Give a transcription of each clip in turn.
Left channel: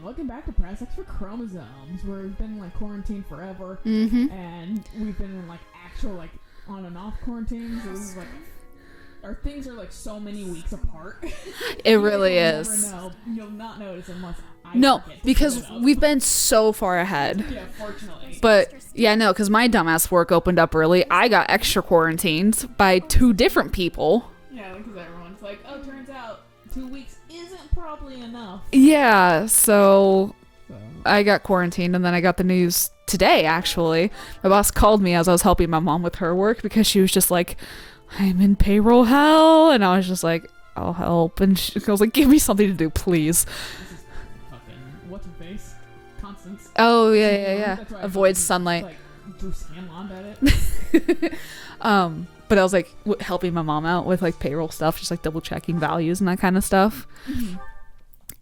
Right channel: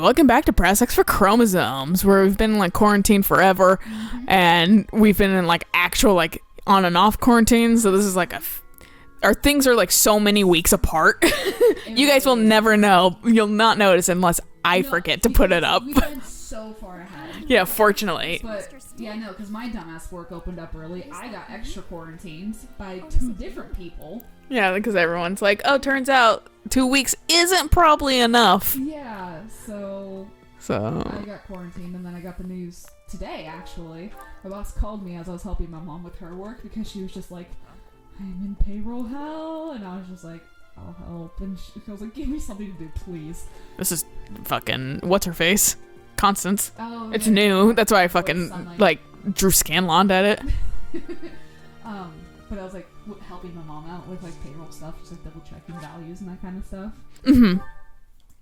And welcome back to Press X for Chromosomes, where we've been in like quarantine forever, and we've been in like actual like on and off quarantine. So this is like our things are like so many weeks apart. You guys will never know. You'll not notice unless I forget to put it up. We've been so far ahead. Yeah, fortunately. But yeah, no, because my dumbass work opened up early. I got extra quarantined by 2 different people. Yeah, because everyone's like, oh, turns out 2 weeks isn't probably enough. Yeah, so I got quarantined, and then I got the news today, actually. My boss called me as I was helping my mom with her work because she was just like, I'm in payroll hell. And I was just like, I'll help. And she was like, give me something to do, please. This is fucking, what's her face? Constance. Oh, it's yeah. new. Yeah. That's why I Avoid fucking sunlight. like drew Scanlon at it. But I was like helping my mom out with like payroll stuff, just like double checking values and that kind of stuff.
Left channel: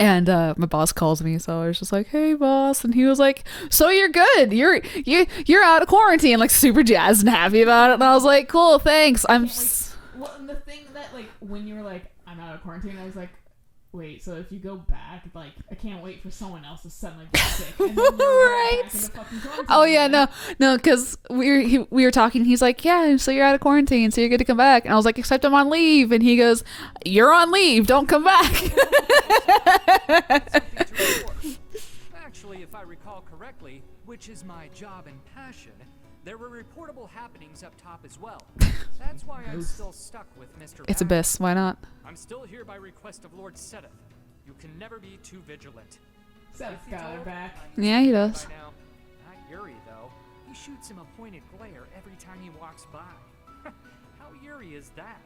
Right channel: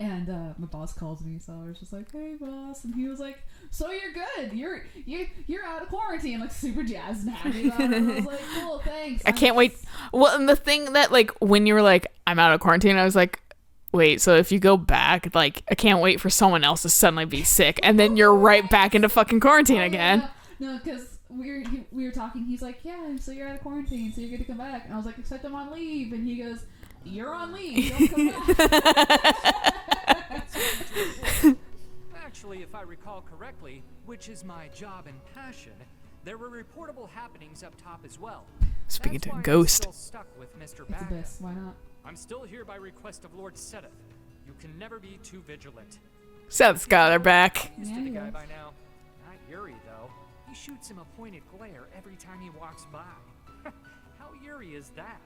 And my boss calls me, so I was just like, "Hey, boss," and he was like, "So you're good? You're out of quarantine?" Like super jazzed and happy about it. And I was like, "Cool, thanks." I can't wait. Well, and the thing that like when you were like, "I'm out of quarantine," I was like, wait, so if you go back, like, I can't wait for someone else to suddenly be sick, and then you're right back into fucking quarantine again. Yeah, no, because we were talking. He's like, yeah, so you're out of quarantine, so you're good to come back. And I was like, except I'm on leave. And he goes, you're on leave, don't come back. Actually, if I recall correctly, which is my job and passion, there were reportable happenings up top as well. Speaking to a ghost. I'm still stuck with Mr. It's Abyss, why not? I'm still here by request of Lord Sedith. You can never be too vigilant. Seth's got her back. Yeah, he does. By now. Not Yuri, though. He shoots him a pointed glare every time he walks by. How Yuri is that?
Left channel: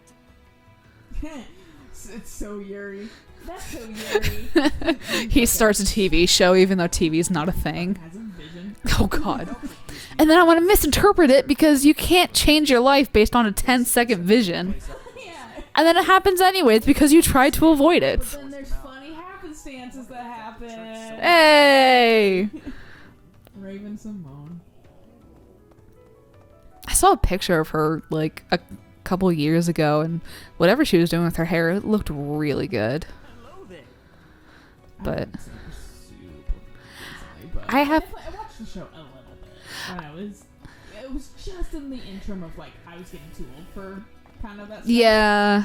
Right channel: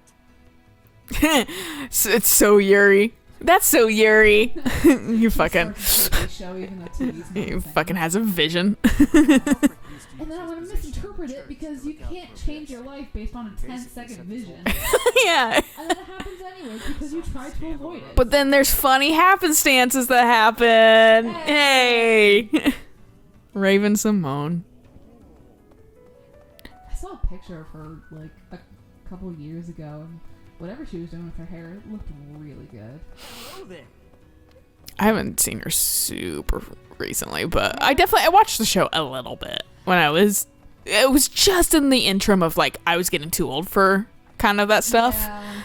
It's so Yuri. That's so Yuri. He starts a TV show even though TV's not a thing. Fucking has a vision. Oh, God. And then I want to misinterpret it because you can't change your life based on a 10-second vision. Yeah. And then it happens anyways because you try to avoid it. But then there's funny happenstances that happen. Hey! Raven Simone. I saw a picture of her like a couple years ago, and whatever she was doing with her hair, it looked really good. I haven't seen her super recently, but I watched the show a little bit when it was just in the interim of like I was getting too old for kind of that stuff. Yeah.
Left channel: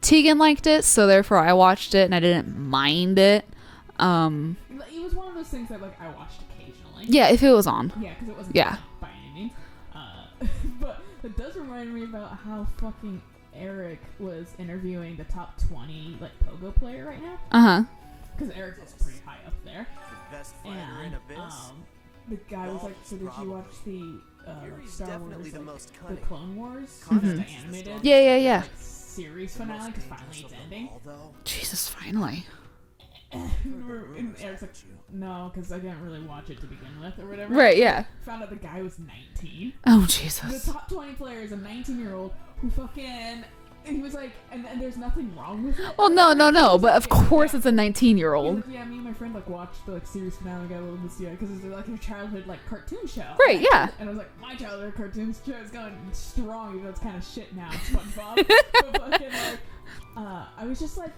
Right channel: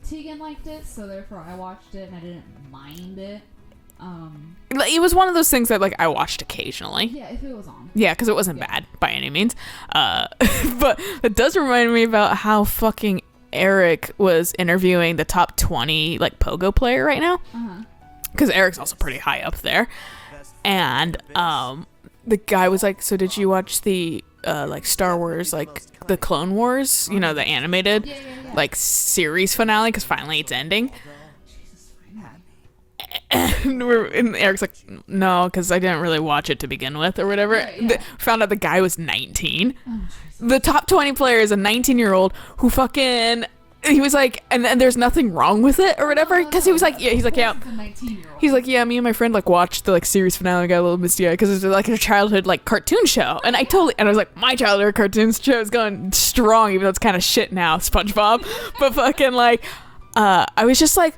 Tegan liked it, so therefore I watched it and I didn't mind it. It was one of those things that like I watched occasionally. Yeah, if it was on. Yeah, because it wasn't bad by any means. But it does remind me about how fucking Eric was interviewing the top 20 like pogo player right now. Because Eric's also pretty high up there. And the guy was like, so did you watch the like Star Wars, like the Clone Wars, you know, the animated like series finale, because finally it's ending. Jesus, finally. And Eric's like, no, because I didn't really watch it to begin with or whatever. Right, yeah. Found out the guy was 19. Oh, Jesus. The top 20 player is a 19-year-old who fucking... He was like, and there's nothing wrong with it or whatever. No. He was like, of course it's a 19-year-old. He's like, yeah, me and my friend like watched the like series finale, got a little misty-eyed because it's like a childhood like cartoon show. Right, and I was like, my childhood cartoon show is going strong, even though it's kind of shit now, SpongeBob. But fucking like, I was just like,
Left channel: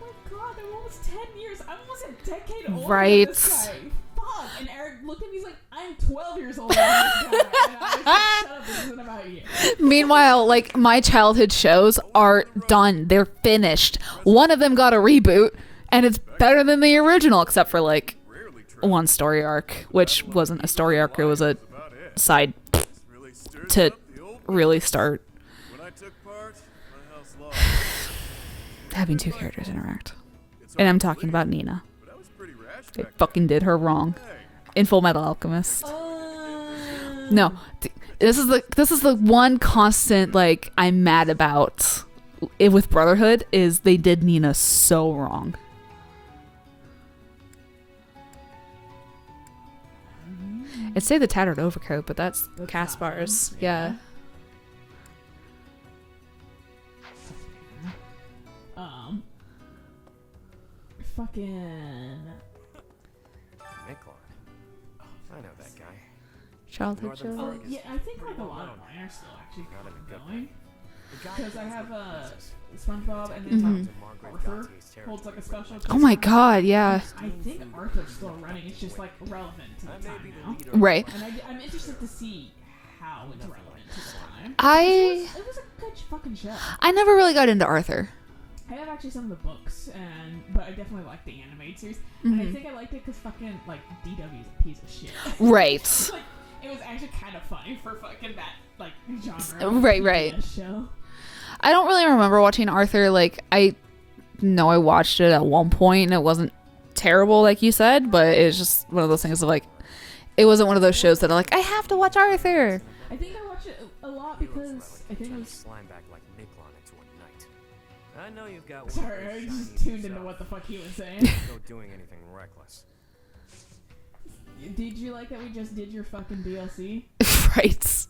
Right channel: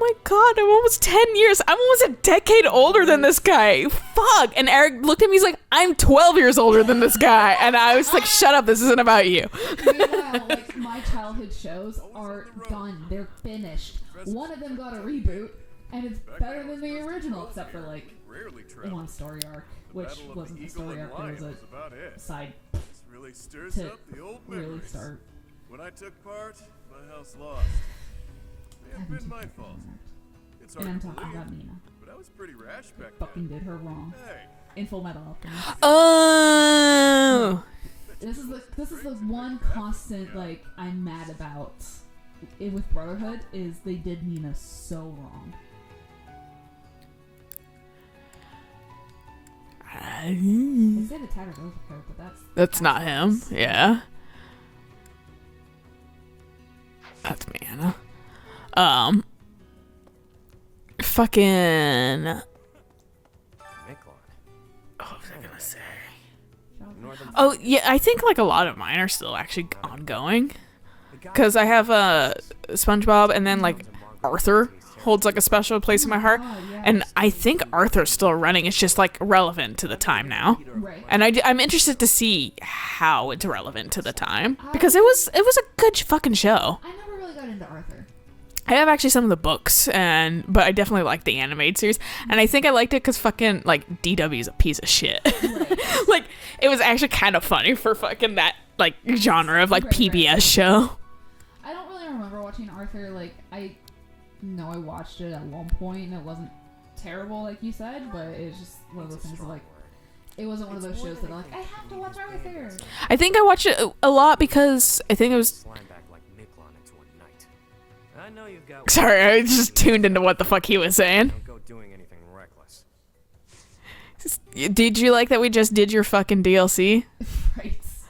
oh my God, I'm almost 10 years. I'm almost a decade older than this guy. Fuck. And Eric looked at me, he's like, I'm 12 years older than this guy. And I was like, shut up, this isn't about you. Meanwhile, like my childhood shows are done. They're finished. One of them got a reboot and it's better than the original, except for like one story arc, which wasn't a story arc. It was a side to really start having 2 characters interact. And I'm talking about Nina. They fucking did her wrong. In Full Metal Alchemist. Oh. No. This is the one constant like I'm mad about it with Brotherhood is they did Nina so wrong. I'd say the tattered overcoat, but that's not him. Yeah. That's Manna. Fucking. Childhood. Oh yeah, I think like a lot of mine are still actually ongoing. because I have SpongeBob, and then like Arthur holds like a special place Oh in my my heart. god, yeah. And I think Arthur's still running. It's just like relevant to the time now. Right. And I'm interested to see how it's relevant to the time, because it was a good fucking show. I never really got into Arthur. I have actually some of the books, but I definitely like the animated series, and I think I liked it because fucking like DW is a piece of shit. Right. Like it was actually kind of funny for fucking that like genre of like Right, PBS right. show. I don't really remember watching Arthur. Like, I know I watched it at one point and it wasn't terrible, like you said, but it's just one of those things of like, it wasn't one of those shows that are like, I have to watch Arthur. I think I watched it a lot because I think it was. I know you've got. Sorry, I just tuned into what the fuck he was saying. Go doing anything reckless. Did you like that we just did your fucking DLC? Right.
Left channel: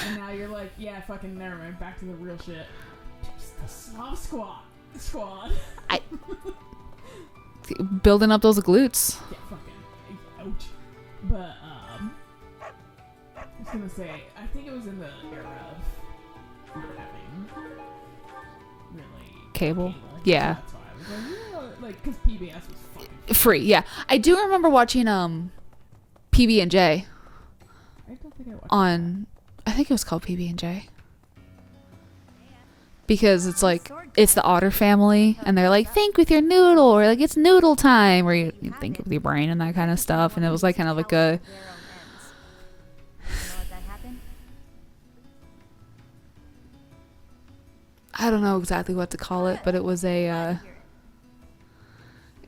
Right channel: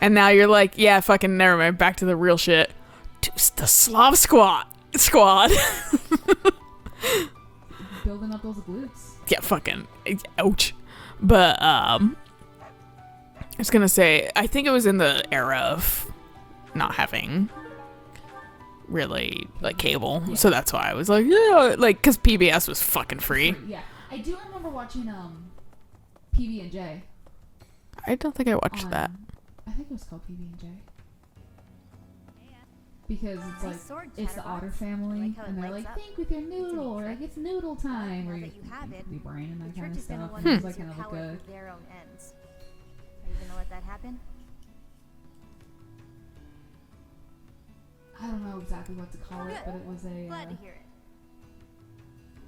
And now you're like, yeah, fucking never mind. Back to the real shit. The Slav Squad. Building up those glutes. Yeah, fucking ouch. But I was gonna say, I think it was in the era of not having really cable. Yeah. So that's why I was like, yeah, like because PBS was fucking free. Yeah. I do remember watching PB&J I don't think I watched on that. I think it was called PB&J. Because it's like, it's the Otter family, and they're like, think with your noodle, or like, it's noodle time, where you think with your brain and that kind of stuff. And it was like kind of like a. I don't know exactly what to call it, but it was a.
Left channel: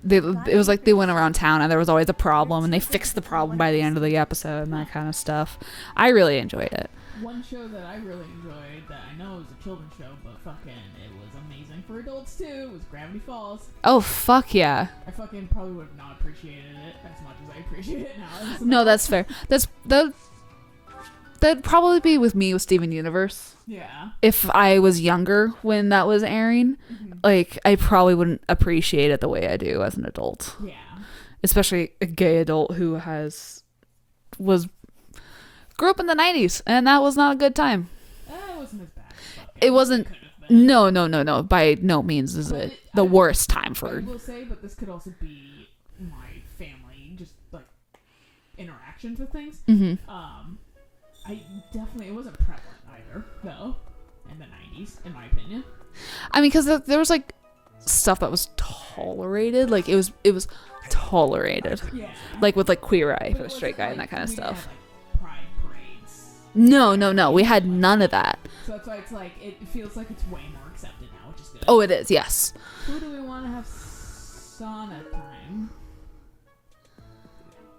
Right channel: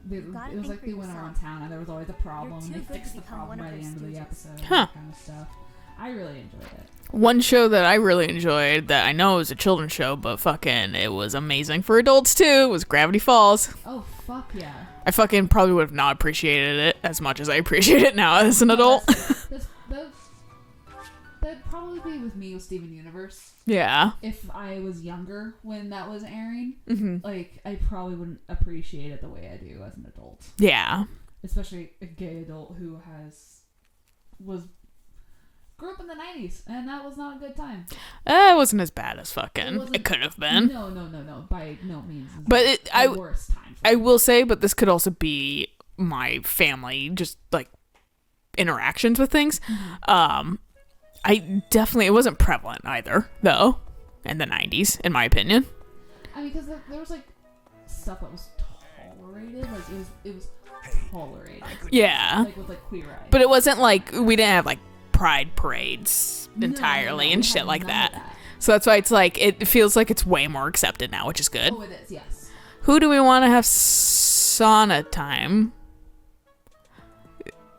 It was like they went around town and there was always a problem, and they fixed the problem by the end of the episode and that kind of stuff. I really enjoyed it. One show that I really enjoyed that I know was a children's show, but fucking it was amazing for adults too, was Gravity Falls. Oh, fuck yeah. I fucking probably would have not appreciated it as much as I appreciate it now as an No, adult. that's fair. That'd probably be with me with Steven Universe. Yeah. If I was younger when that was airing, like, I probably wouldn't appreciate it the way I do as an adult. Yeah. Especially a gay adult who grew up in the 90s, and that was not a good time. It wasn't as bad as fucking It wasn't. It could have been. No. By no means is But it the worst time for I will say, but this could also be my family, just like interactions with things. I definitely, it wasn't prevalent either, though, in the 90s, in my opinion. I mean, because there was like stuff that was tolerated. Like, it was tolerated. Yeah. Like with like Queer Eye. But it wasn't like, kind of we didn't stuff. have like pride parades. No. entirely We and had shit like none of that. So that's why it's like, it feels like it's way more accepted now, which is good. Oh, it is. Yes. Who do we want to have sauna time?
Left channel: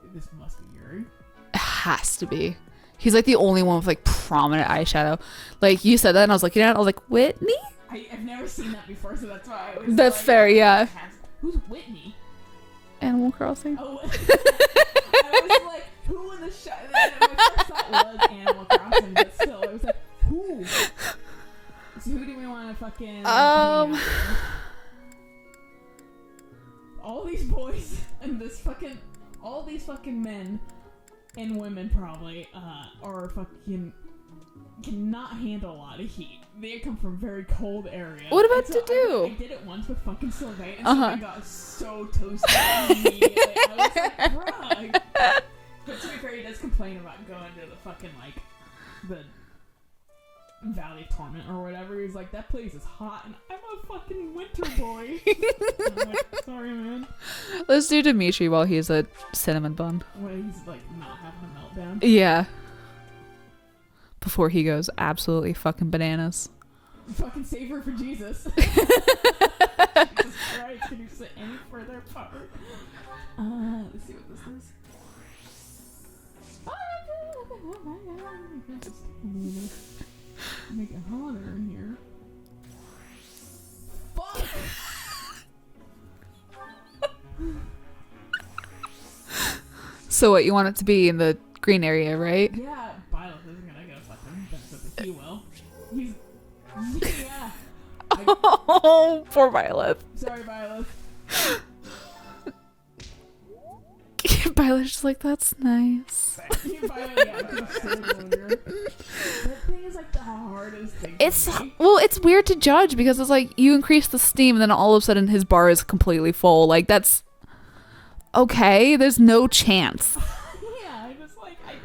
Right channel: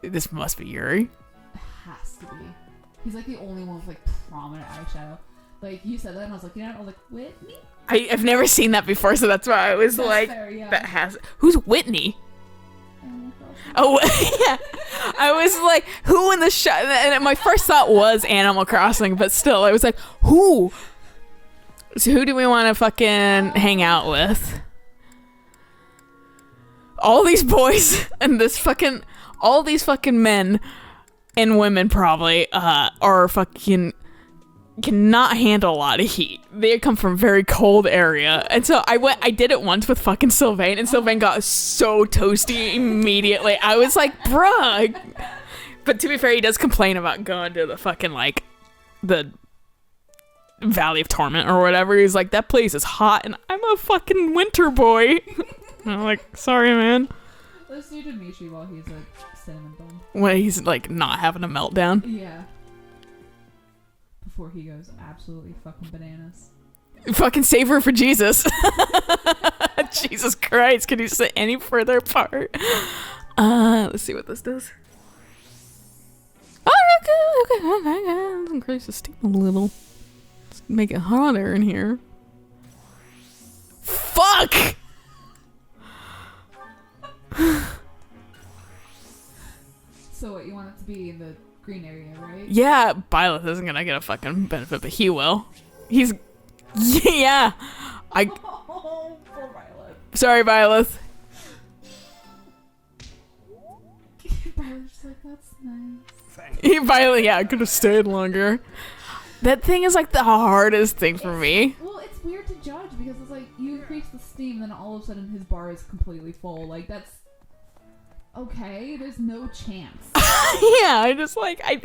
This must be Yuri. It has to be. He's like the only one with like prominent eyeshadow. Like, you said that, and I was like, I was like, Whitney? I've never seen that before, so that's why I was That's like, fair, yeah. Who's Whitney? Animal Crossing. Oh, yeah. I was like, who in the shot? And my first thought was Animal Crossing, but still, I was like, who? So who do we want to fucking hang out with? All these boys and all these fucking men and women probably are fucking cannot handle a lot of heat. They come from very cold area, and so I did it once with fucking Sylvain, and Sylvain got so toasty immediately. I was like, bruh. But to be fair, he does complain about going to the fucking like the Valley of Torment or whatever. He's like, that place is hot, and I'm a fucking winter boy. And I'm like, sorry, man. Let's do Dimitri while he's a cinnamon bun. When he's like not having a meltdown. Yeah. Before he goes absolutely fucking bananas. Fucking save her for Jesus. Jesus Christ, can you sit any further apart? Let's see what this does. Oh, okay. Increase the steam a little. Make it hotter in here. Fuck! So what, you want it to be in the green area, right? Yeah, Byleth isn't gonna get a fucking benefit, but he will. He's... Yeah. Oh, poor Violet. Sorry, Byleth. Violet's just like, that's nice. Violet, yeah, could have stayed longer. That thing is like the hardest thing for me. Well, it's weird to judge because it's like you increase the steam and then all of a sudden his bar is completely full. Like that's okay. There's no chance. Yeah, I just like I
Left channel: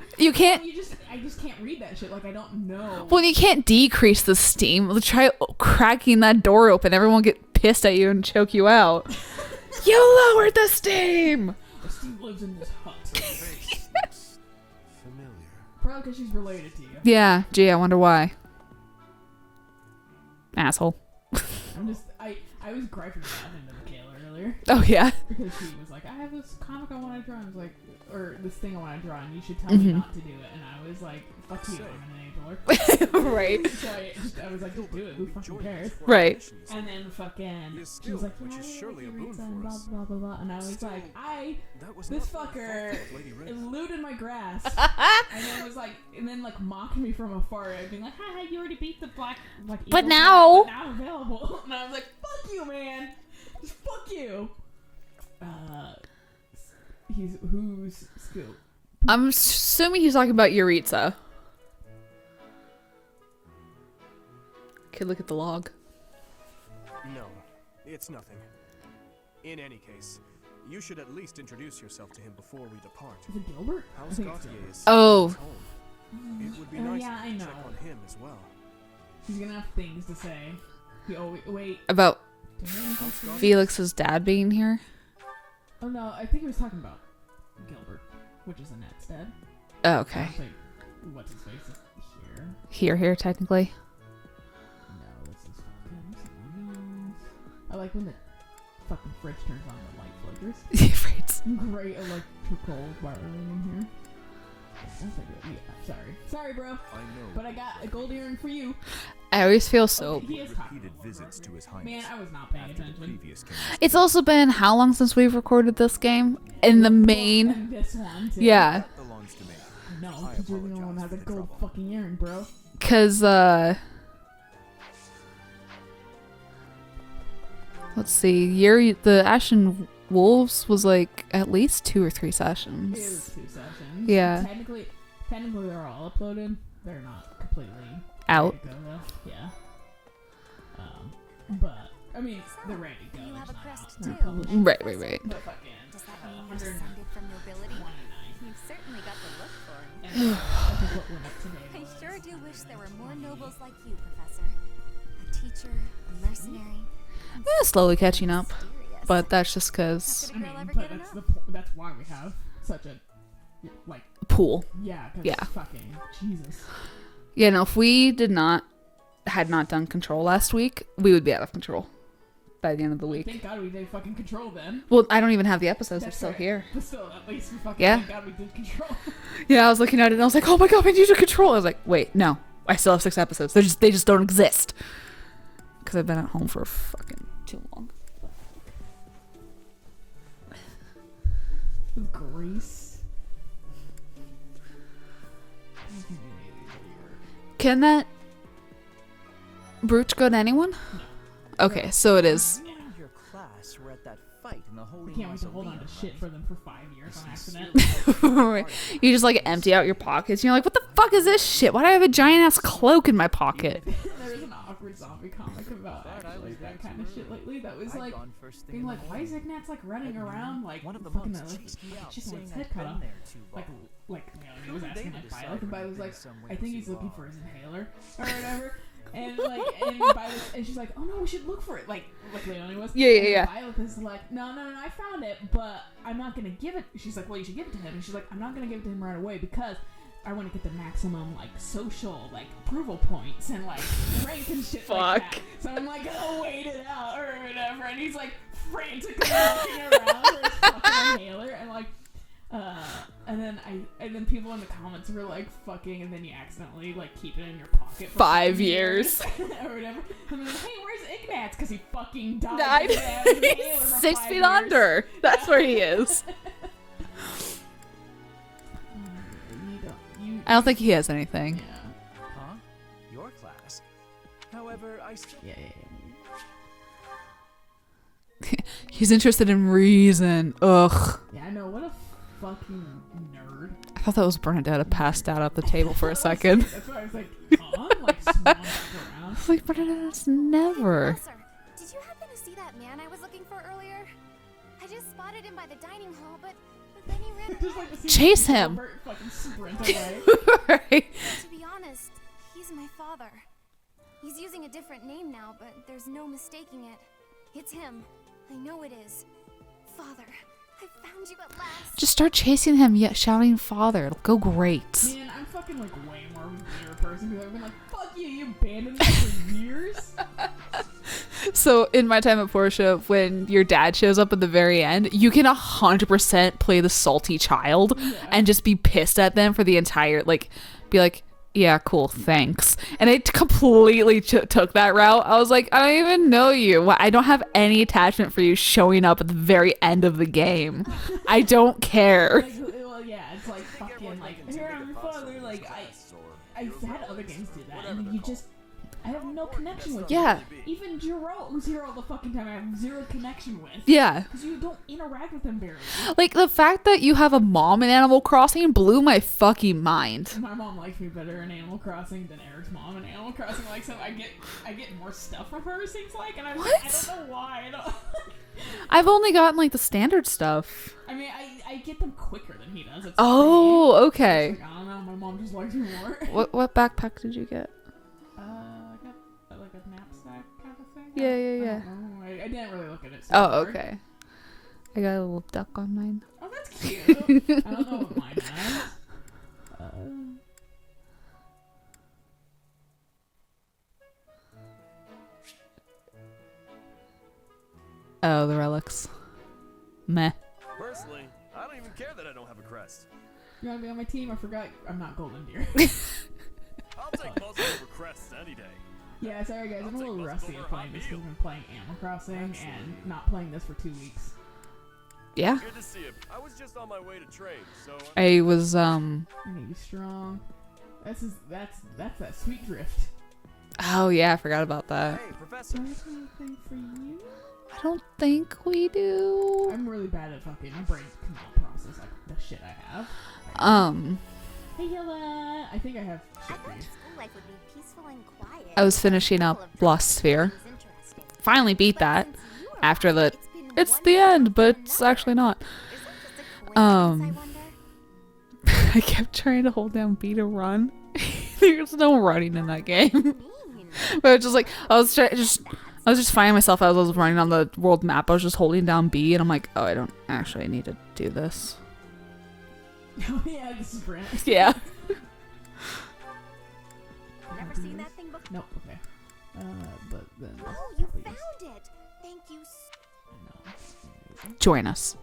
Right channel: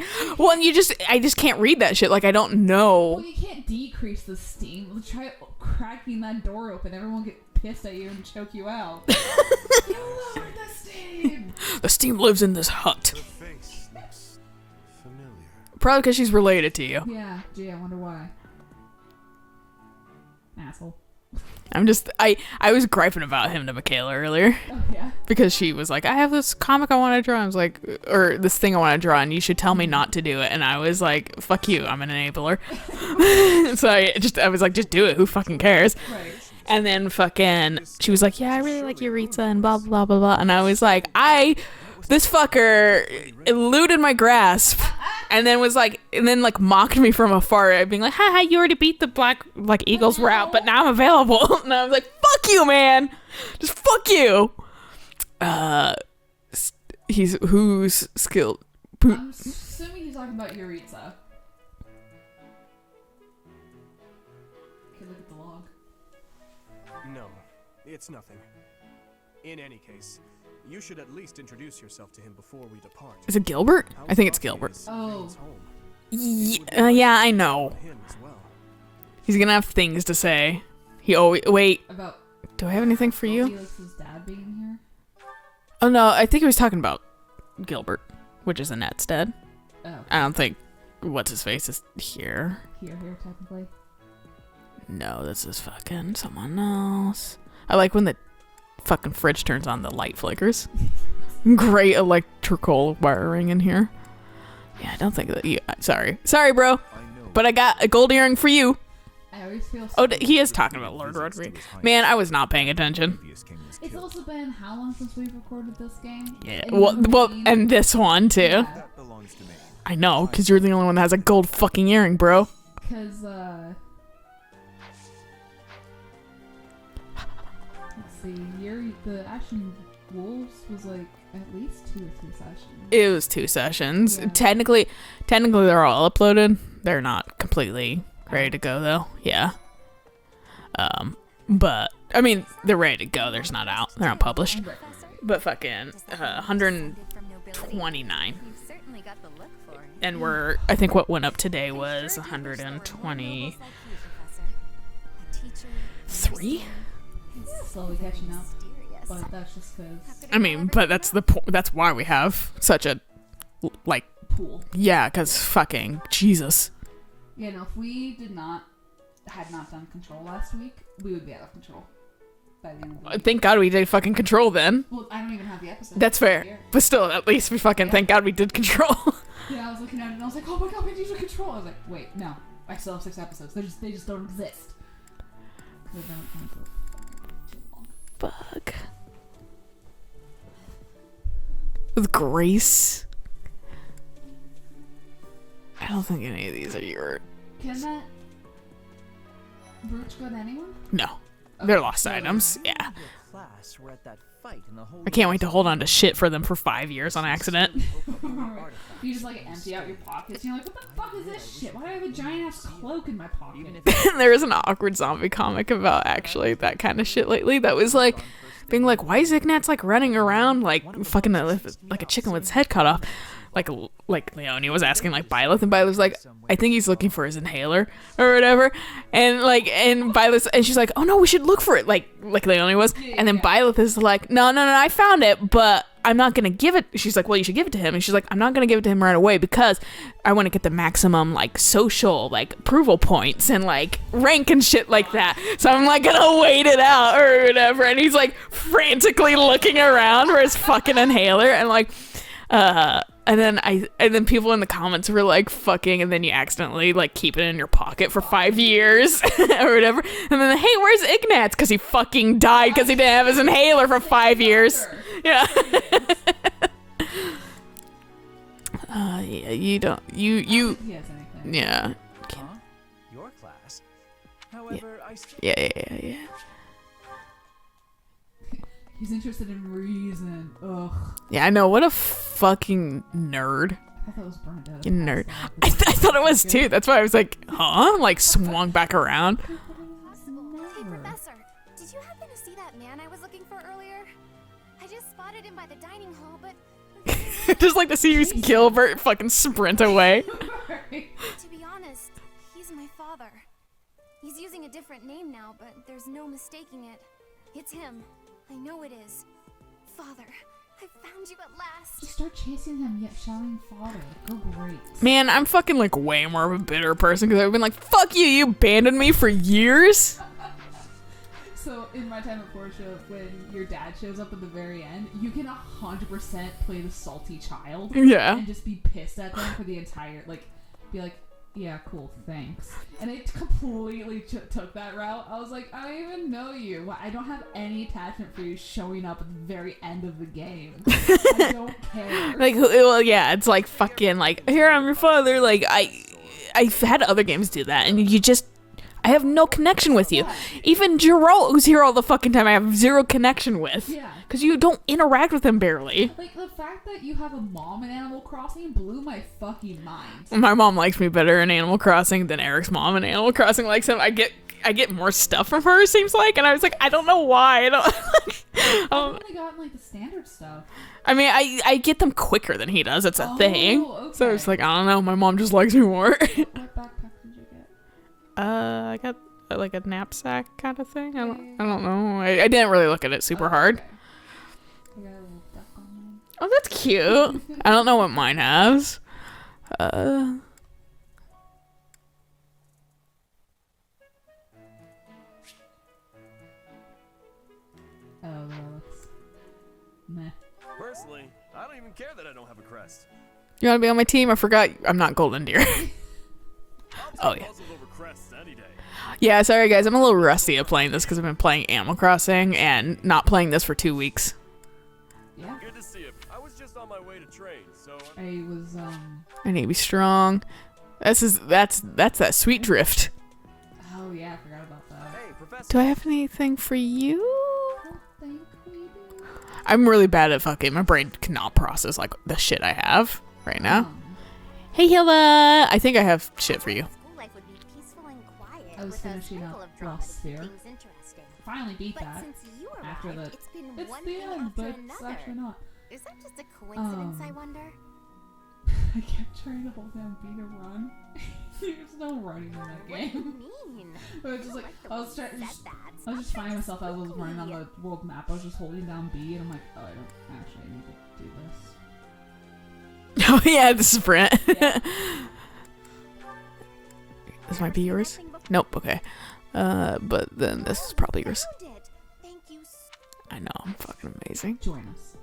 just can't read that shit. Like I don't know. Well, you can't decrease the steam. Try cracking that door open. Everyone will get pissed at you and choke you out. You lowered the steam. The steam lives in this hut. Face looks familiar. Probably because she's related to you. Yeah, gee, I wonder why. Asshole. I was griping about him to Michaela earlier Oh yeah. because she was like, I have this comic I want to draw. I was like, or this thing I want to draw, and you should tell me not to do it. And I was like, fuck you, I'm an enabler. So I was like, just do it. Who fucking cares? Right. And then fucking, she was like, yeah, I really like Yuritsa and blah, blah, blah, blah. And I was like, this fucker eluded my grasp and then mocked me from afar, being like, haha, you already beat the black, like, Eagles route, but now I'm available. And I was like, fuck you, man. Just fuck you. Who's skilled? I'm assuming he's talking about Yuritsa. Okay, look at the log. No, it's nothing. In any case, you should at least introduce yourself to him before we depart. Is it Gilbert? I How's think it's Garfield Gilbert. is Oh. his home? It would be nice Yeah, to I check know. on him as well. He's gonna have things to say. Wait, About do I have anything for you? Felix's dad being here. Oh no, I think he was talking about Gilbert, which is Annette's dad. Oh, okay. I don't think what's his face is here. Here, technically. No, this is fucking someone else. I like when the fucking fridge turns on, the light flickers. Great electrical wiring in here. Yeah, I don't think that you. Sorry, bro. I know. But I got a gold earring for you. I always feel so. Oh, he is talking about Lord Rodriguez. Man, I was not paying attention. It's also been how long since we've recorded this game? Yeah. In Well, the well, main. and this one too. Yeah, That belongs to me. I know, because you're the only one that has a gold fucking earring, bro. because let's see, the Ashen Wolves was like at least 2 or 3 sessions. It was 2 sessions. Yeah. Technically they're all uploaded. They're not completely ready Out. to go though. Yeah. But I mean, they're ready to go. They're just not out. They're not published. Right. But fucking 129. You've certainly got the look for it. And I think what went up today was 120. Three? Slowly catching up, but that's just because. I mean, but that's that's why we have such a pool. Yeah, because fucking Jesus. Yeah, no, if we had not done Control last week, we would be out of control by the end of the week. Thank God we did fucking Control then. Well, I don't even have the episodes. That's still fair. Here. But still, at least we fucking thank God we did Control. Yeah, I was looking at it and I was like, oh my God, we need to Control. I was like, wait, no, I still have 6 episodes. They just don't exist because I've been at home for fucking too long. Fuck. With Grace. I don't think any of these are your. Can that brooch go to anyone? No. Okay, They're lost so it items. is. Yeah. Your class were at that fight in the Holy I can't wait to hold on to shit for them for 5 years on accident. You just like empty out your pockets and you're like, what the fuck is this shit? Why do I have a giant ass cloak in my pocket? There is an awkward zombie comic about actually that kind of shit lately that was like being like, why is Ignatz like running around like fucking like a chicken with his head cut off? Like Leonie was asking like Byleth, and Byleth was like, I think he's looking for his inhaler or whatever, and Byleth, and she's like, oh no, we should look for it, like Leonie was, and then Byleth is like, no, I found it, but I'm not gonna give it. She's like, well, you should give it to him, and she's like, I'm not gonna give it to him right away because I want to get the maximum like social like approval points and like rank and shit like that. So I'm like gonna wait it out or whatever, and he's like frantically looking around for his fucking inhaler, and like. And then people in the comments were like, fucking, and then you accidentally like keep it in your pocket for 5 years or whatever. And then, hey, where's Ignatz? Because he fucking died because he didn't have his inhaler for 5 years. That's where he is. Yeah, you don't. I don't think he has anything. Yeah. Huh? Your class. However, I still Yeah. He's interested in reason. Ugh. Yeah, I know. What a fucking nerd. I thought that was Bernadette You passed nerd. out up the I table. thought it for a was second. too. That's why I was like, huh? Like swung back around. Like Bernadette's Hey, never. Professor, did you happen to see that man I was looking for earlier? I just spotted him by the dining hall, but then he ran Just like to see Chase him. Gilbert fucking sprint away. Right. To be honest, he's my father. He's using a different name now, but there's no mistaking it. It's him. I know it is. Father, I found you at last. Just start chasing him, yet shouting "Father." It'll go great. Man, I'm fucking like way more of a bitter person because I've been like, fuck you, you abandoned me for years. So in my time at Portia, when your dad shows up at the very end, you can 100% play the salty child, Yeah. and just be pissed at them for the entire be like, yeah, cool, thanks. And I completely took that route. I was like, I don't even know you. I don't have any attachment for you showing up at the very end of the game. I don't care. Like, well, yeah, it's like fucking like, here, I'm your father. Like, I've had other games do that, and you just, I have no connection with you. Yeah. Even Geralt, who's here all the fucking time, I have zero connection with. Yeah. Because you don't interact with him barely. Like, the fact that you have a mom in Animal Crossing blew my fucking mind. My mom likes me better in Animal Crossing than Eric's mom in Animal Crossing likes him. I get more stuff from her, it seems like, and I was like, I don't know why. I don't. I've only gotten like the standard stuff. I mean, I get them quicker than he does. It's a Oh, thing. okay. So it's like, I don't know. My mom just likes me more. What backpack did you get? I got like a knapsack kind of thing. Yeah, I don't know. I didn't really look at it super hard. Okay. I got a little duck on mine. Oh, that's cute. I don't know what mine has. Oh, the relics. Meh. Personally, I don't even care that I don't have a crest. You want to be on my team? I forgot I'm not Golden Deer. I'll take Oh, yeah. puzzles over crests any day. Yeah, sorry guys. I'm a little rusty at playing this because I've been playing Animal Crossing and not playing this for 2 weeks. Yeah. Good to see you. I was just on my way to train, so I was I need to be strong. That's that sweet drift. Oh yeah, I forgot about that. Hey, Professor. Do I have anything for you? I don't think we do. I'm really bad at fucking. My brain cannot process like the shit I have right now. Hey Hilla, I think I have shit for you. School life would be peaceful and quiet I was without finishing the up trouble of Lost dropping Sphere. things interesting. Finally beat But that. since you After the arrived, been it's one the thing end, after but it's another. actually not. Is that just a coincidence, I Um, wonder? I kept trying to hold down B to run. There's no running in that game. Mean. But I was just like, I was just finding myself as I was running on the world map. I was just holding down B, and I'm like, oh, I don't actually need to do this. Oh yeah, the sprint. Yeah. This Never might be seen that yours. thing before. Nope. Okay. But then this is Oh, probably you yours. found it. Thank you. I know. I'm fucking amazing. Join us.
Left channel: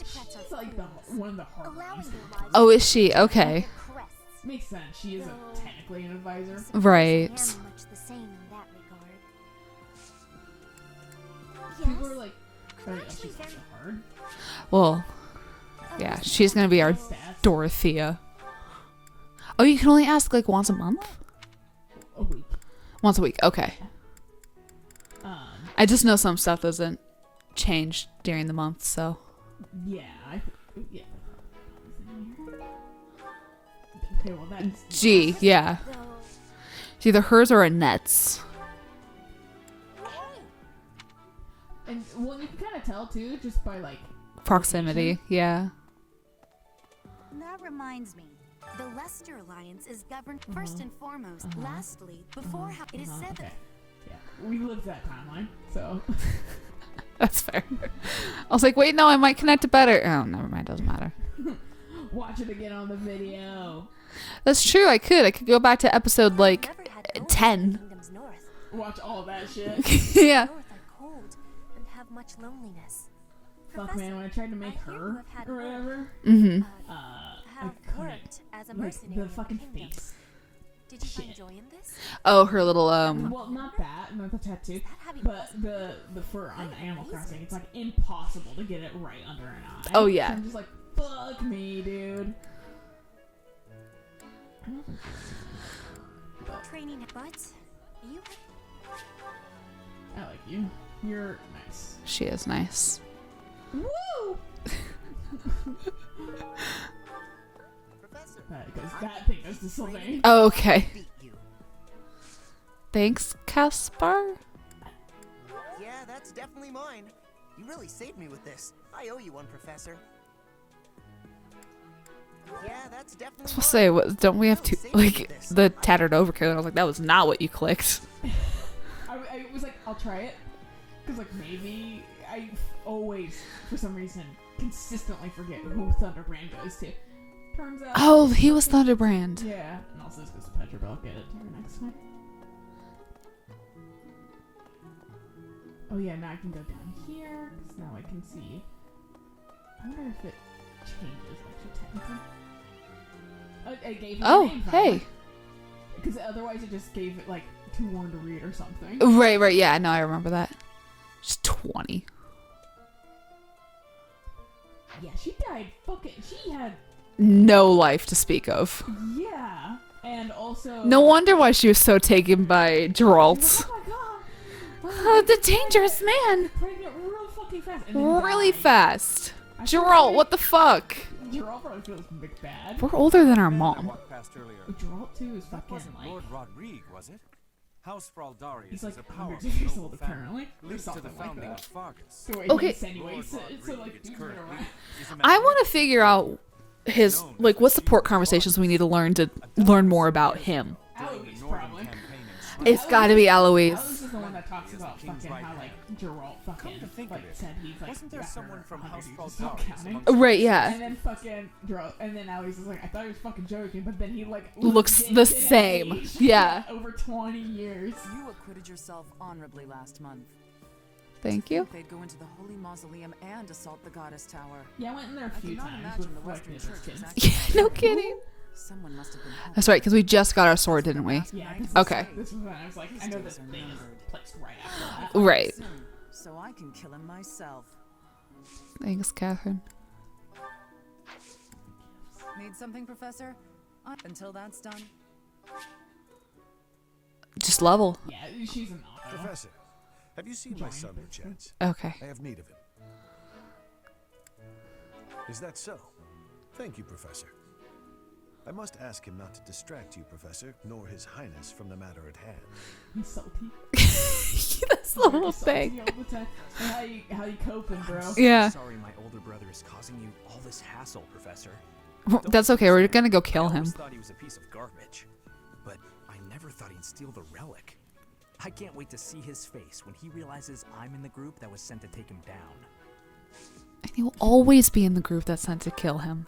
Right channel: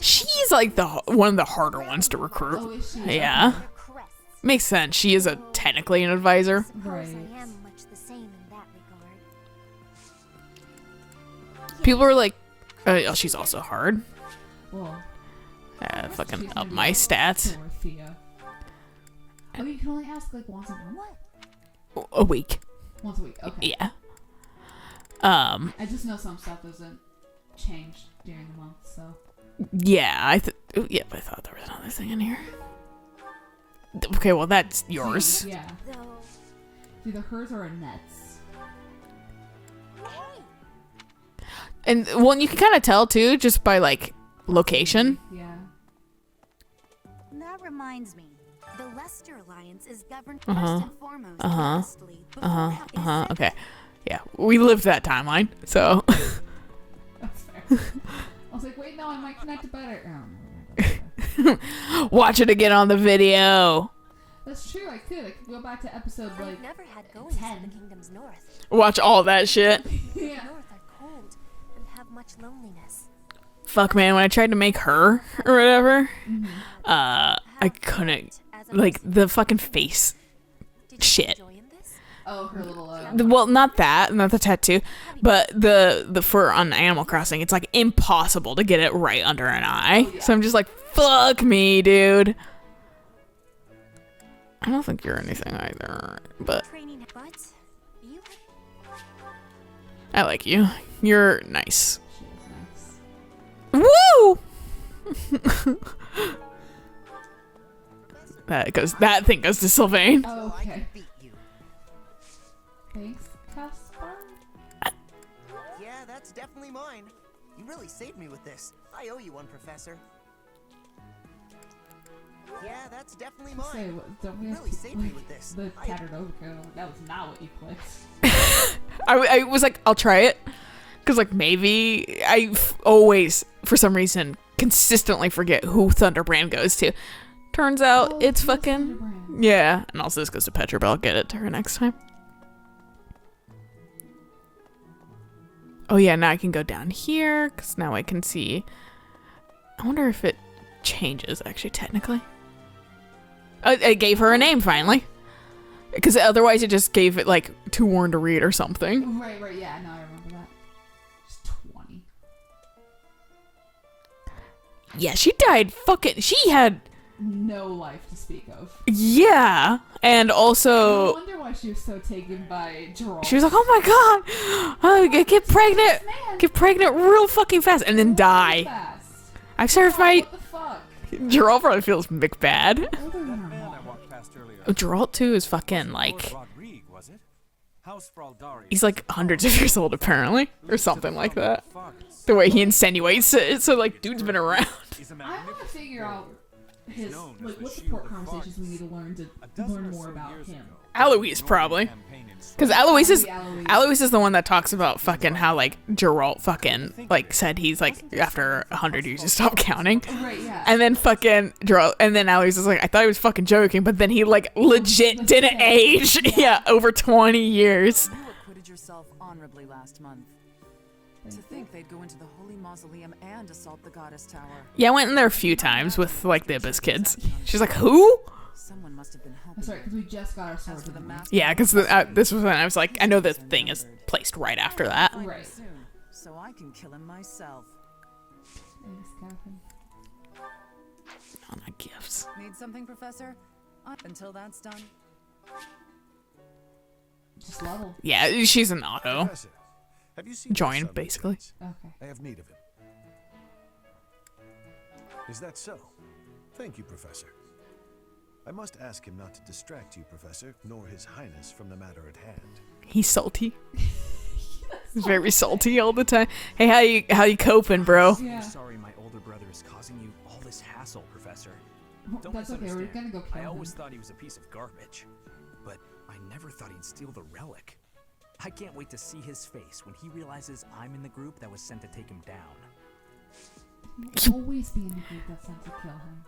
She's like one of the harder ones to recruit. Oh, is she? Yeah. Okay. Makes sense. She is technically an advisor. Right. Much the same in that regard. People are like, oh, she's also hard. Well, Yeah, fucking she's gonna up be my a stats. Dorothea. Oh, you can only ask like once a month? A week. Once a week. Okay. Yeah. I just know some stuff doesn't change during the month, so. Yeah. I thought there was another thing in here. Okay, well that's Gee, yours. yeah. Though, It's either hers or Annette's. And well, you can kind of tell too, just by like location. Proximity, yeah. that reminds me. The Lester Alliance is governed Uh-huh. first and foremost. Uh-huh. Lastly, before it is said Okay. Yeah, we lived that timeline, so That's fair. I was like, wait, no, I might connect it better. Oh, never mind. Doesn't matter. watch it again on the video. That's true. I could go back to episode like Never had ghosts in 10. the kingdom's north. Watch all that shit. Yeah. North are cold and have much loneliness. Fuck, man, when I tried to make her or whatever, Mm-hmm. I Have couldn't. worked as a Like mercenary. the fucking face. Did you shit. enjoy in this? Oh, her little Well, not that, not the tattoo, but the fur on Animal Crossing. It's like impossible to get it right under an eye. Oh, yeah. So I'm just like, fuck me, dude. I don't think you're anything either, but Training, but you I like you. You're nice. She is nice. Woo! That thing goes to Sylvain. Oh, okay. Beat you. Thanks, Caspar. Yeah, that's definitely mine. You really saved me with this. I owe you one, Professor. Yeah, that's definitely I was gonna mine. say, don't we have Really to saved me like with this. the tattered overcoat? And I was like, that was not what you clicked. I was like, I'll try it. Because, like, maybe always, for some reason, consistently forget who Thunderbrand goes to. Turns out Oh, it's he was fucking... Thunderbrand. Yeah. And also this goes to Petra, but I'll get it to her next time. Oh, yeah, now I can go down here. Because now I can see... I wonder if it changes, actually, technically. I gave her a name, finally. Hey. Because otherwise it just gave it, like, too worn to read or something. Right. Yeah, no, I remember that. Just 20. Yeah, she died fucking... She had... No life to speak of. Yeah. And also... No wonder why she was so taken by Geralt. She was like, oh my god. Oh, get pregnant. man. Get pregnant real fucking fast. And then die. Really fast. I'm sure if Geralt, what the fuck? Geralt probably feels McBad. Older than our I mom. walked past earlier. Geralt, too, is fucking, like... Lord Rodrigue, was it? House Fraldari He's is like a hundreds of years old, apparently. Or Leads to something the like founding that. of Fargus. The way he Okay. insinuates it. So, like, dude's been around. I want to figure out his like what support conversations we need to learn more about him. Eloise, probably. Because It's gotta be Eloise. Eloise is the one that talks about fucking how, like, Geralt fucking, like, said he's, like, after 100 years, just stop counting. Right, yeah. And then fucking Geralt, and then Eloise is like, I thought he was fucking joking, but then he, like, Looks legit the didn't same. age. Yeah. Over 20 years. You acquitted yourself honorably last month. Thank To you. think they'd go into the Holy Mausoleum and assault the Goddess Tower. Yeah, I went in there a few times with, like, the Abyss kids. She's like, who? Someone must have been helping. That's right, because we just got our sword, didn't we? Yeah, because this was when I was like, I know this thing is placed right after that. Right. Soon, so I can kill him myself. Thanks, Catherine. Oh, my gifts. Need something, Professor? Until that's done. Just level. Yeah, she's an auto. Professor, have you seen my Join, son, basically. Lieutenant? Okay. I have need of him. Is that so? Thank you, Professor. I must ask him not to distract you, Professor, nor His Highness from the matter at hand. He's salty. That's the Very whole salty thing. all the time. Hey, how you coping, bro? Yeah. Sorry my older brother is causing you all this hassle, Professor. That's okay. We're gonna go kill I him. always thought he was a piece of garbage, but I never thought he'd steal the relic. I can't wait to see his face when he realizes I'm in the group that was sent to take him down. And he will always be in the group that's sent to kill him.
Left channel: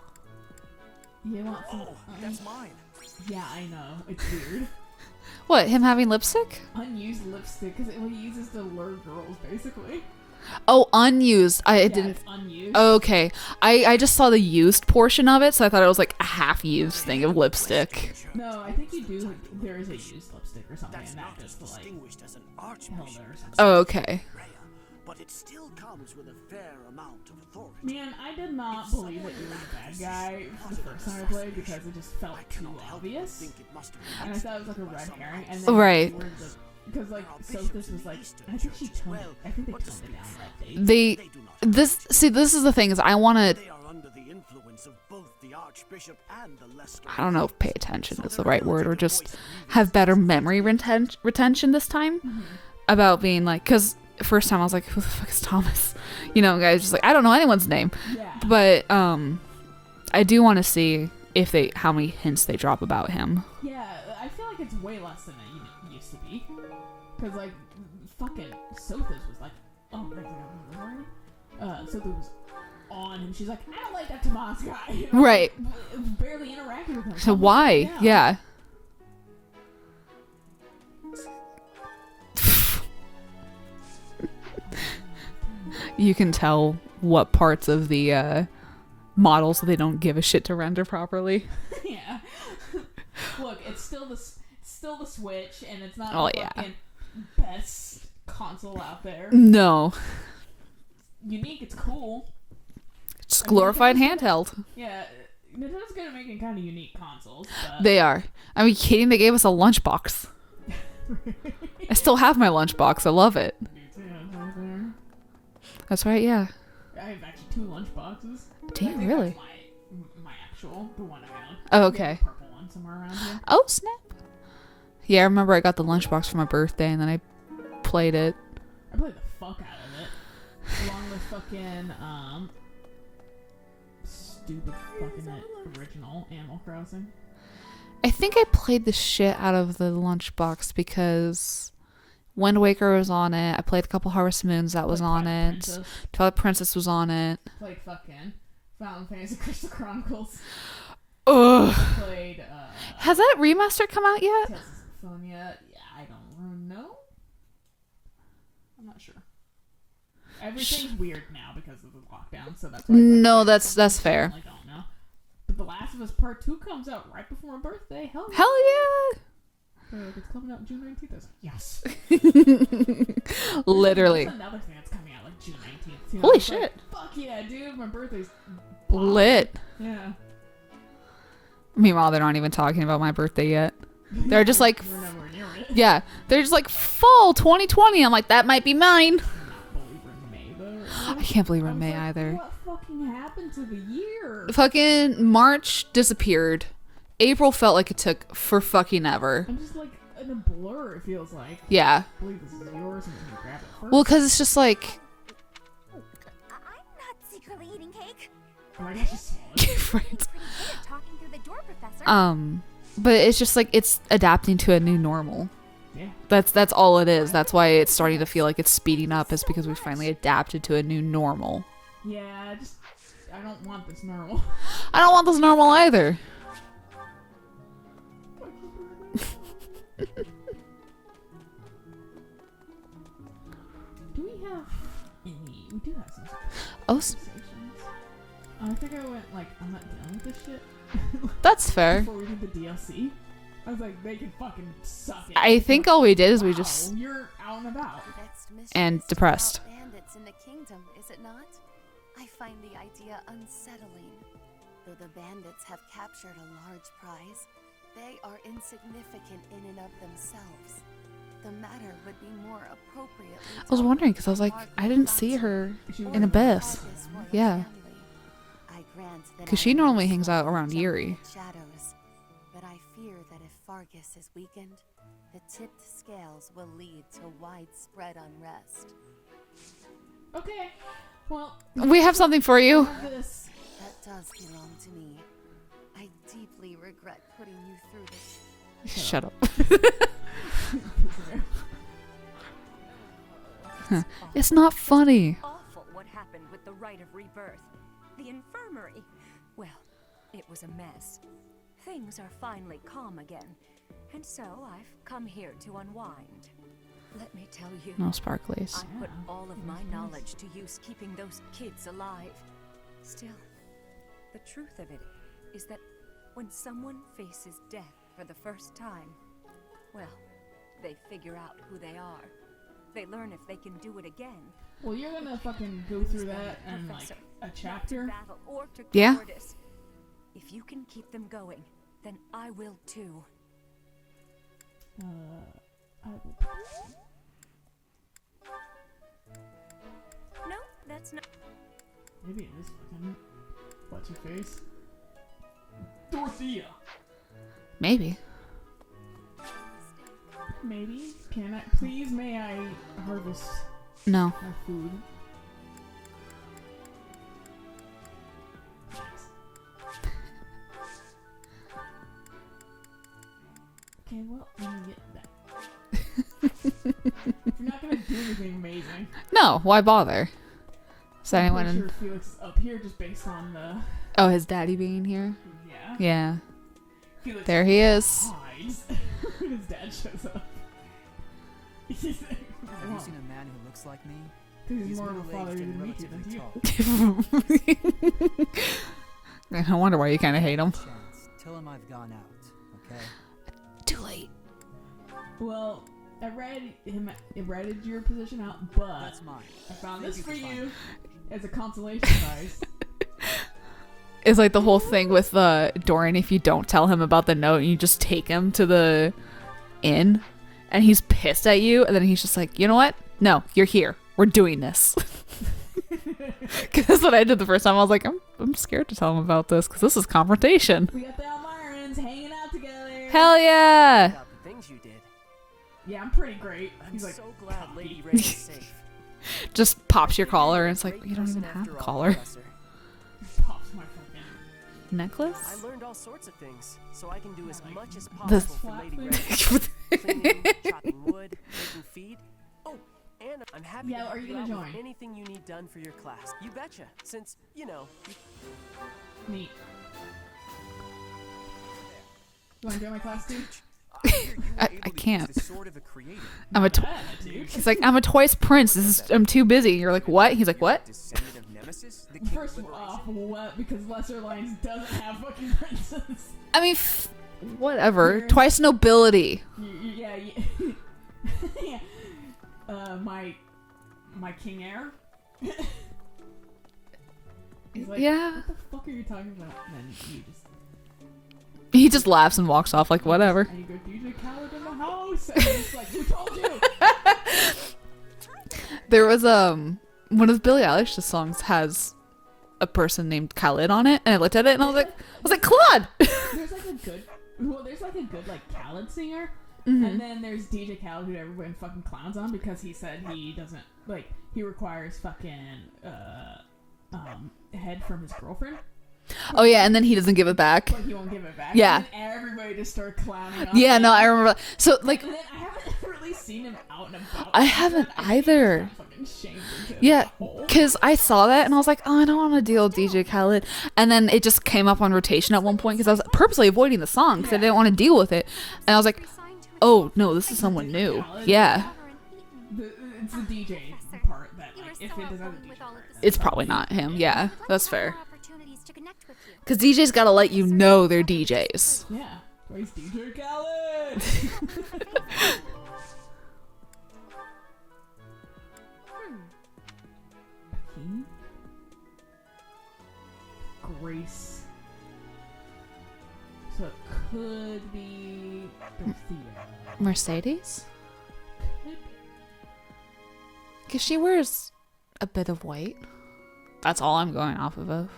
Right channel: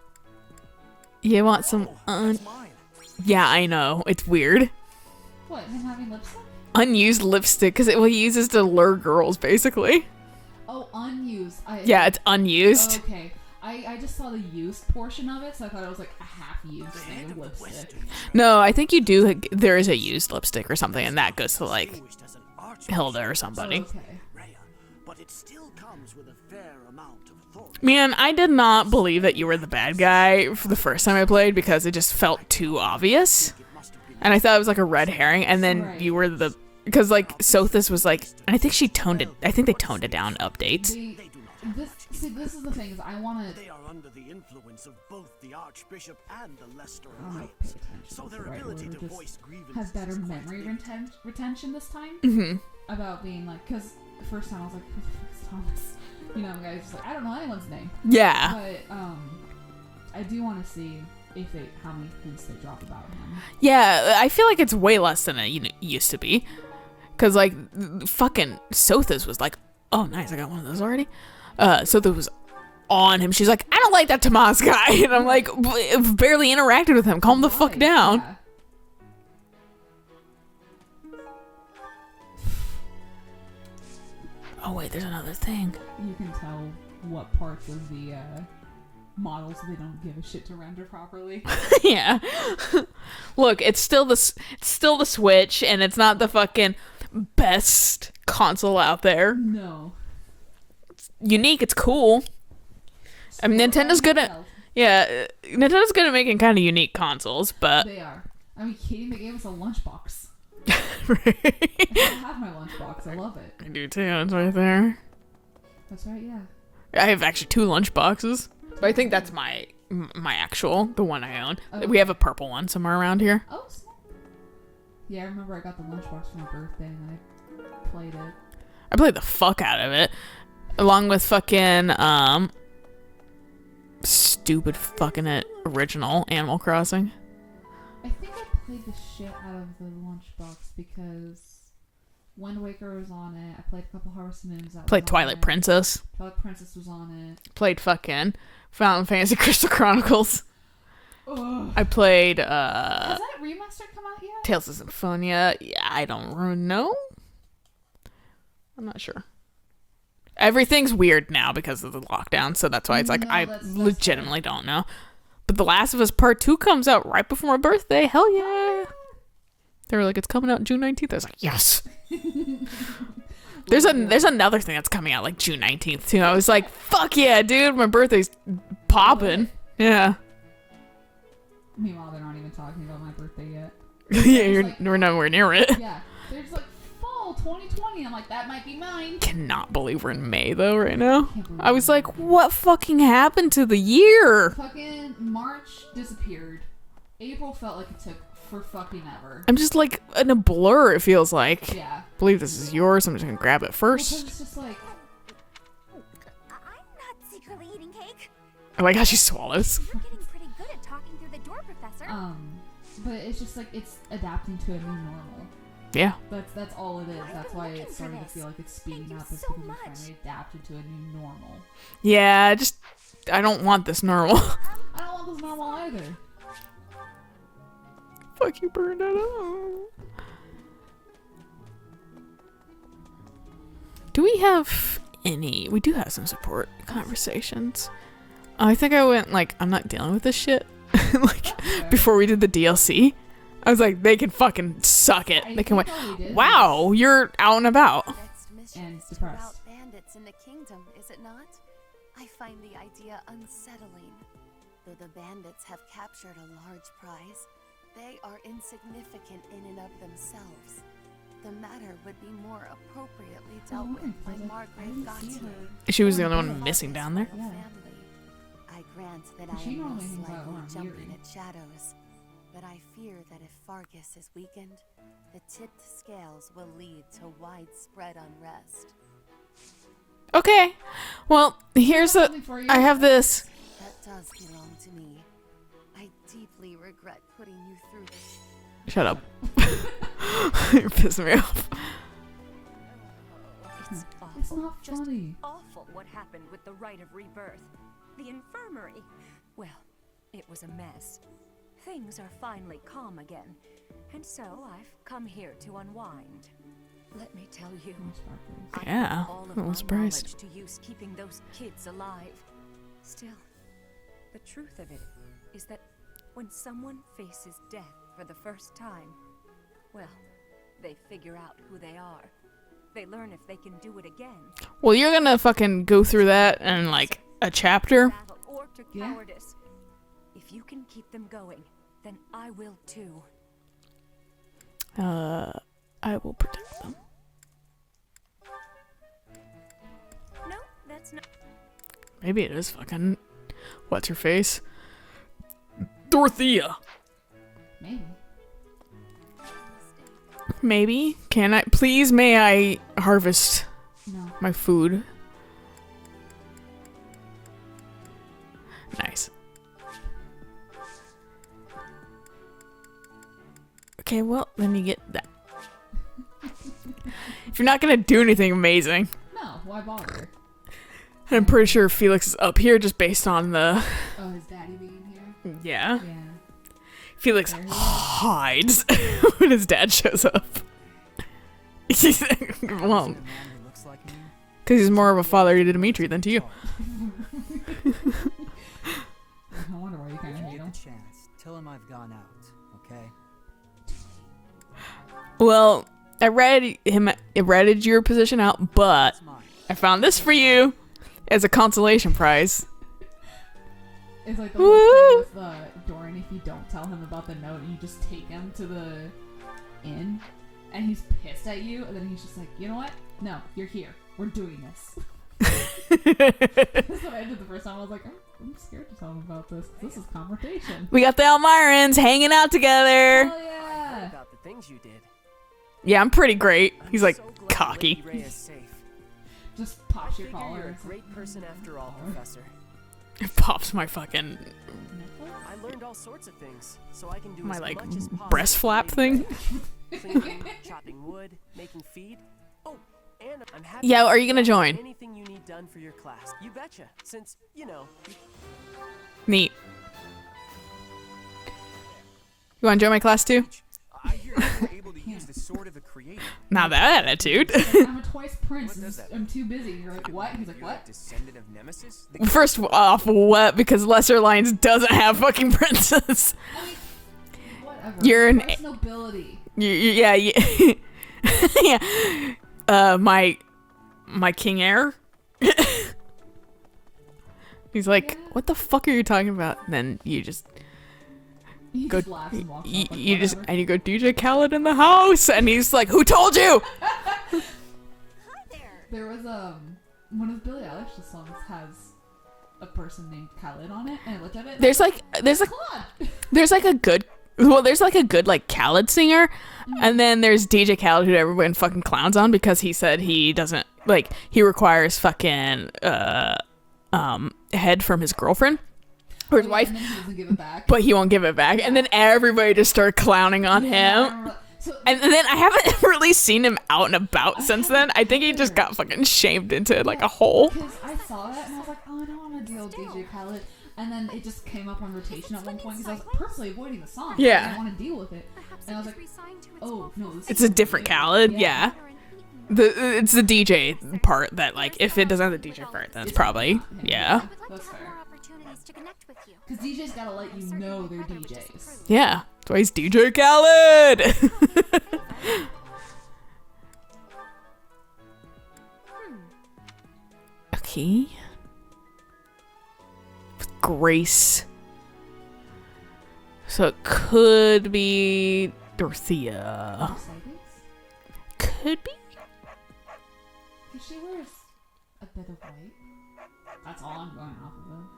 You want some? That's mine. Yeah, I know. It's weird. What? Him having lipstick? Unused lipstick, because he uses to lure girls, basically. Oh, unused. Yeah, it's unused. Okay. I just saw the used portion of it, so I thought it was like a half-used thing of lipstick. No, I think you do. Like, there is a used lipstick or something, and that goes to like Hilda or something. Oh, okay. But it still comes with a fair amount of authority. Man, I did not believe that you were the bad guy for the first time I played because it just felt too obvious, and I thought it was like a red herring. And then Right. you were the because like Sothis was like, and I think she toned it. I think they toned it down in updates. This is the thing is I want to. They are under the influence of both the Archbishop and the Leicester. I don't know if pay attention is the right word or just have better memory retention this time about being like, because first time I was like, who the fuck is Thomas? You know, guys just like, I don't know anyone's name. Yeah, But I do want to see if how many hints they drop about him. yeah, I feel like it's way less than it used to be. Cause like fucking Sothis was like, oh nice, I got one of those already. Sothis was on him. She's like, I don't like that Tomas guy. And I'm Right. like, barely interacted with him. Calm the Why? fuck down. Yeah. Oh wait, there's another thing. You can tell what parts of the models they don't give a shit to render properly. Yeah. Look, it's still the Switch, and it's not the Oh, yeah. fucking best console out there. No. Unique, it's cool. I mean, Glorified Nintendo's good at handheld. Nintendo's good at making kind of unique consoles, but They are. I mean, kidding? They gave us a lunchbox. I still have my lunchbox. I love it. I do too. It's right there. That's right. Yeah. I have actually 2 lunch boxes. But I think really? that's my actual, the one I own. Oh, We have a okay. purple one somewhere around here. Oh, snap. Yeah, I remember I got the lunchbox for my birthday, and then I played it. I played the fuck out of it. Along with fucking, stupid fucking original Animal Crossing. I think I played the shit out of the lunchbox because Wind Waker was on it. I played a couple Harvest Moons that Played was on Twilight it. Princess. Twilight Princess was on it. Played fucking Final Fantasy Crystal Chronicles. Ugh. I played, Has that remaster come out yet? Tales of Symphonia. Yeah, I don't know. I'm not sure. Everything's weird now because of the lockdown, so that's why it's like I that's fair. legitimately don't know. But The Last of Us Part 2 comes out right before my birthday. Hell yeah. Hell yeah. They were like, it's coming out June 19th. I was like, yes. Literally. There's another thing that's coming out like June 19th too. I Oh, was like, shit. fuck yeah, dude. My birthday's popping. Lit. Yeah. Meanwhile, they're not even talking about my birthday yet. They're just like, we're nowhere near it. yeah, they're just like fall 2020. I'm like, that might be mine. Cannot believe we're in May though right now. I can't believe I was like, either. what fucking happened to the year? Fucking March disappeared. April felt like it took for fucking ever. I'm just like in a blur. It feels like. Yeah. I believe this is yours. I'm just gonna grab it first. Well, because it's just like, I'm not secretly eating cake. oh my gosh, she swallows. He's pretty good at talking through the door, Professor. but it's just like it's adapting to a new normal. Yeah. That's all it is. That's why it's starting to feel like it's speeding up, is because we finally adapted to a new normal. Yeah. I don't want this normal. I don't want this normal either. Fuck you, burned it out. Do we have any? We do have some support conversations. I think I went like, I'm not dealing with this shit. Like, That's fair. before we did the DLC, I was like, they can fucking suck it. I They can think win. all we did is Wow, you're out and about. And depressed. Bandits in the kingdom, is it not? I find the idea unsettling. Though the bandits have captured a large prize, they are insignificant in and of themselves. The matter would be more appropriately. I was wondering because I was like, I didn't see her. She was in the the only one best. missing down there. Yeah. Because she normally hangs out around Yuri. Shadows, but I fear that if Fargus is weakened, the tipped scales will lead to widespread unrest. Okay. Well, We here's have something for you. I have this. That does belong to me. I deeply regret putting you through this. Shut up. You're pissing me off. It's not funny. Awful what happened with the rite of rebirth. The infirmary. Well, it was a mess. Things are finally calm again, and so I've come here to unwind. Let me tell you. No sparklies. I Yeah, put all of I'm my surprised. knowledge to use keeping those kids alive. Still, the truth of it is that when someone faces death for the first time, well, they figure out who they are. They learn if they can do it again. Well, you're gonna fucking go through that in like a chapter. Battle or to Yeah. cowardice. If you can keep them going, then I will too. I will protect them. No, that's not. Maybe it is fucking. What's her face? Dorothea. Maybe. Maybe. Can I? Please, may I harvest No. my food? Nice. Okay, well, let me get that. If you're not gonna do anything amazing, No. Why bother? so I'm pretty sure Felix is up here just based on the. Oh, his daddy being here. Yeah. Yeah. Felix There he is. hides when his dad shows up. Well, Using a man who looks like me? because he's more of a It's father way to too Dimitri than to you. I wonder why you kind of hate him. Chance. Tell him I've gone out, okay? Too late. Well, I read your position out, but It's mine. I found this for you as a consolation prize. It's like the whole thing with Dorian. If you don't tell him about the note, you just take him to the inn, and he's pissed at you, and then he's just like, you know what? No, you're here. We're doing this. Because that's what I did the first time. I was like, I'm scared to tell him about this because this is confrontation. We got the Elmirans hanging out together. Hell yeah. About the things you did. Yeah, I'm pretty great. He's like so glad cocky. Lady Ray is safe. Just pops your I figured collar you're and a it's like, great you don't person even have after a all, collar. Professor. It pops my fucking Necklace? I learned all sorts of things, so I can do my as like much as possible. breast for flap Lady thing. Ray. Cleaning, chopping wood, making feed. Oh, and I'm happy. Yeah, to are you help gonna with join? Anything you need done for your class. You betcha. Since, you know, you Neat. You want to join my class too? I can't. sort of a creator. Not that attitude. It's like, I'm a twice prince. I'm too busy. You're like, what? He's like, what? Descendant of Nemesis? The First off, what? Because Lesser Lines doesn't have fucking princes. I mean, whatever. You're an- twice nobility. Yeah. Yeah. My king heir. He's like, Yeah. what the fuck are you talking about? And then you just He just laughs and walks off like, you just- whatever. and you go, DJ Khaled in the house, and he's like, who told you? There was one of Billie Eilish's songs has a person named Khaled on it, and I looked at it and There's I was there's Claude. there's like a good like Khaled singer, and then there's DJ Khaled who everyone fucking clowns on because he said he doesn't like he requires fucking head from his girlfriend. Oh yeah, wife, and then he doesn't give it back. but he won't give it back. Yeah. And then everybody just started clowning on him. Yeah, no, I remember that. So And then I haven't really seen him out and about I since then. haven't I think he just either. got fucking shamed into like a hole. Because I saw that and I was like, oh, I don't want to deal with DJ Khaled. And then it just came up on rotation at one point because I was purposely avoiding the song. Yeah. I didn't want to deal with it. And I was like, oh, no, this is It's a someone different new. Khaled. Yeah. Eaten. It's the DJ part that like if it doesn't have the DJ part, that's It's probably not him. Yeah, that's fair. More opportunities to connect with you. Because DJ's got to let you know they're DJs. Yeah. That's why he's DJ Khaled. Okay. Grace. So it could be Dorothea. Mercedes? Could be. Because she wears a bit of white. That's all I'm going off of.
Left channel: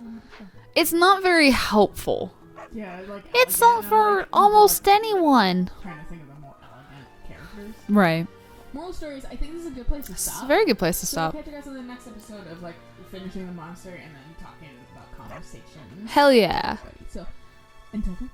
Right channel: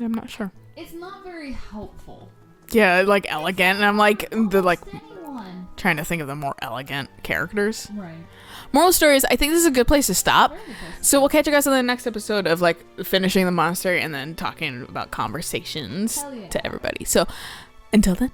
I'm not sure. It's not very helpful. Yeah, like elegant, It's not and I'm for like almost the, like anyone. trying to think of the more elegant characters. Right. Moral stories. I think this is a good place to stop. Very good place to So we'll stop. catch you guys on the next episode of like finishing the monastery and then talking about conversations. Hell yeah. To everybody. So until then.